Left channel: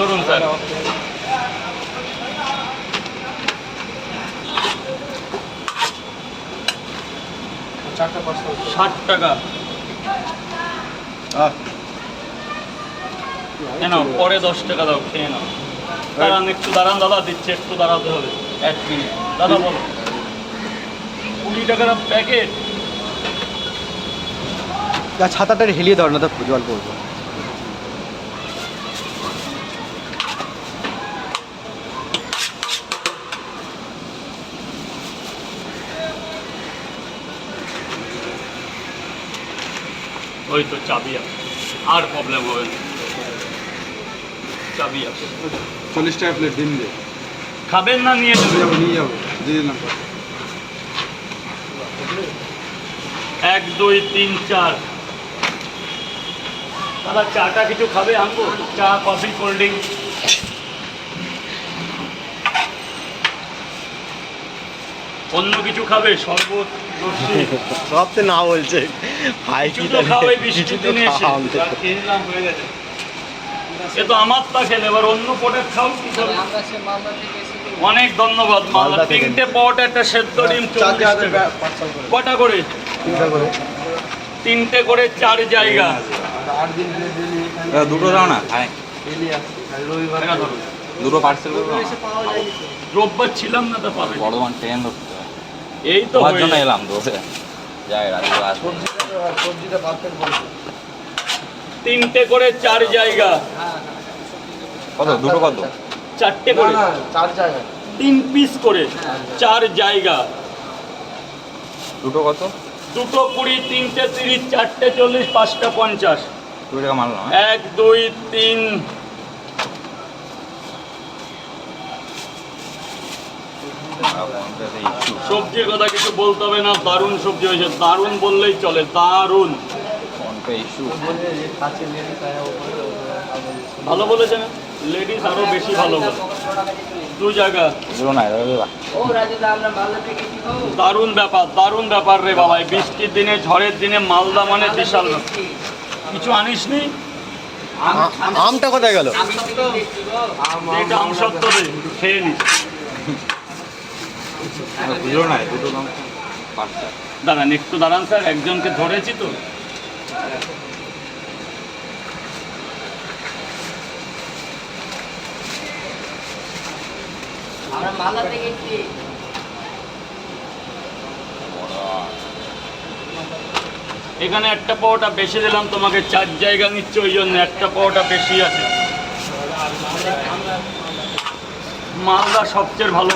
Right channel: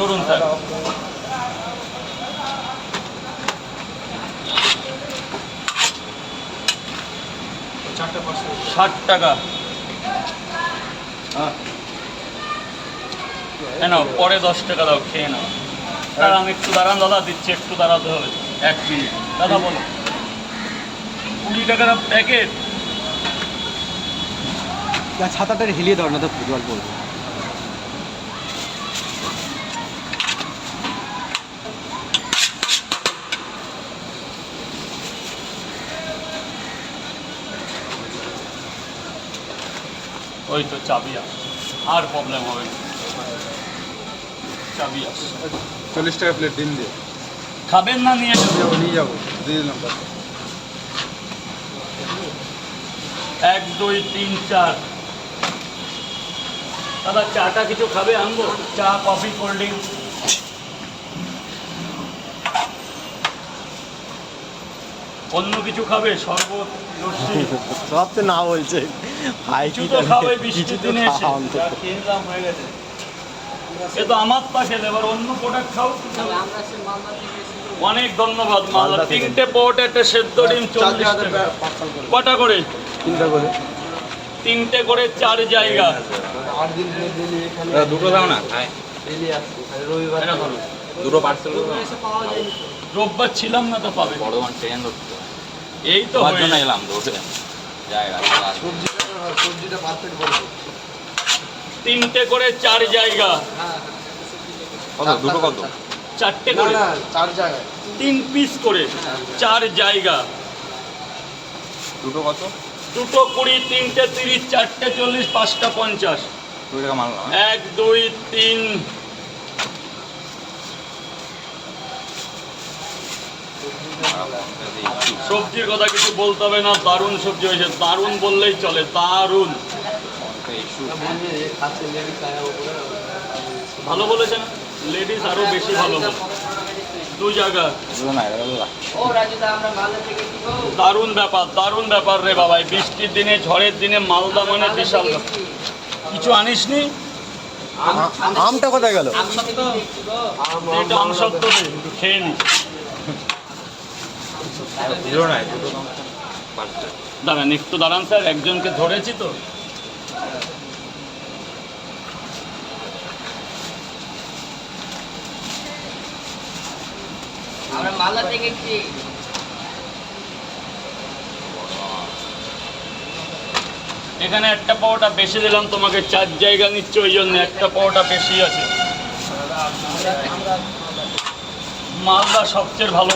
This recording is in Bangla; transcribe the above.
ধরুন স্যার। চারটা পার্সেল 60 টাকা। নাও পরে 10 টাকা দাও, খেয়ে নাও। দাঁড়ান একটু দাঁড়ান দাদা, দিচ্ছি, একটু দাঁড়াতে হবে 1 মিনিট। দাদা বলো, 20 টাকার প্যাকেট। ছাতাটা হেলিয়ে দাও না, তো জল পড়বে। ওই তো চাবি আছে, আর প্রবলেম হবে না। চাবি আছে। 40 টাকা প্লেট দিন দিয়ে খাবেন না নিয়ে যাবেন? নিয়ে যাবো, দিয়ে দিলাম। 1 2 3 4। দাদা চাটা কিছু খাবে আনবো? চা, কফি, কোল্ড ড্রিঙ্ক? অন্য কিছু খাবে? শরবত, লস্যি? সব তো না বলছে ভাই, কিছু তো খাওয়াই বৃষ্টির দিনে এসে। এ তো আমার তা খেলে, এবার অন্য প্রোডাক্ট খাও। কি খাবে? অনেক ধন্যবাদ। মালদা 3টে পট, একটা সেদ্ধ ডিম 40 টাকা। কটা করে? 3টা করে। 3টে করে 4 জায়গা। দুটো দাও না, এটা ধরো। দুটো পার্সেল করো। রোববার ছিলাম না, তো পাবে। বর্ধমান ট্রেন ধরতে এই তো তোমার হয়ে জন্য যায়। এলাম, ধরে যাই রাত্রে আসবো। 3টে করে 4 জায়গা। কত দুটো কত? 4টে করে 3 পিস করে 4 জায়গা। দুটো কত? দুটো 20, 3টে 30, 4টে 40, 5টা 50। 2 টাকা মাল না? 1 2 3। সবজির কথা কিছু বলতে হবে না, দারুণ সবজি হয়েছে। দারুণ বললেই চলে, দারুণ। ভালো বলেছে না? লেডিস আরো বেশি ভালো বলে। 2 জায়গা। দারুণ ব্যাপার, দারুণ ব্যাপার রে বাবা। এই বৃষ্টির দিনে, ঝড়ের দিনে মালদা মানে বিশাল ব্যাপার। কিছু আনিসনি? আমটা কোথায় গেল? এটা আম সত্য দে, খেয়ে নি। দুটো নাই, দুটো পার্সেল। দাঁড়ান একটু দাঁড়ান স্যার, একজনকে ধরেছি তো। আমরা মালদা থেকে কি এখানে একটা পাওয়াটা বেশি দিলাম তোমাকে, 4 জায়গা নিচ্ছে, ওই জন্য একটা পাওয়াটা বেশি আছে। মালদা সবচেয়ে ভালো।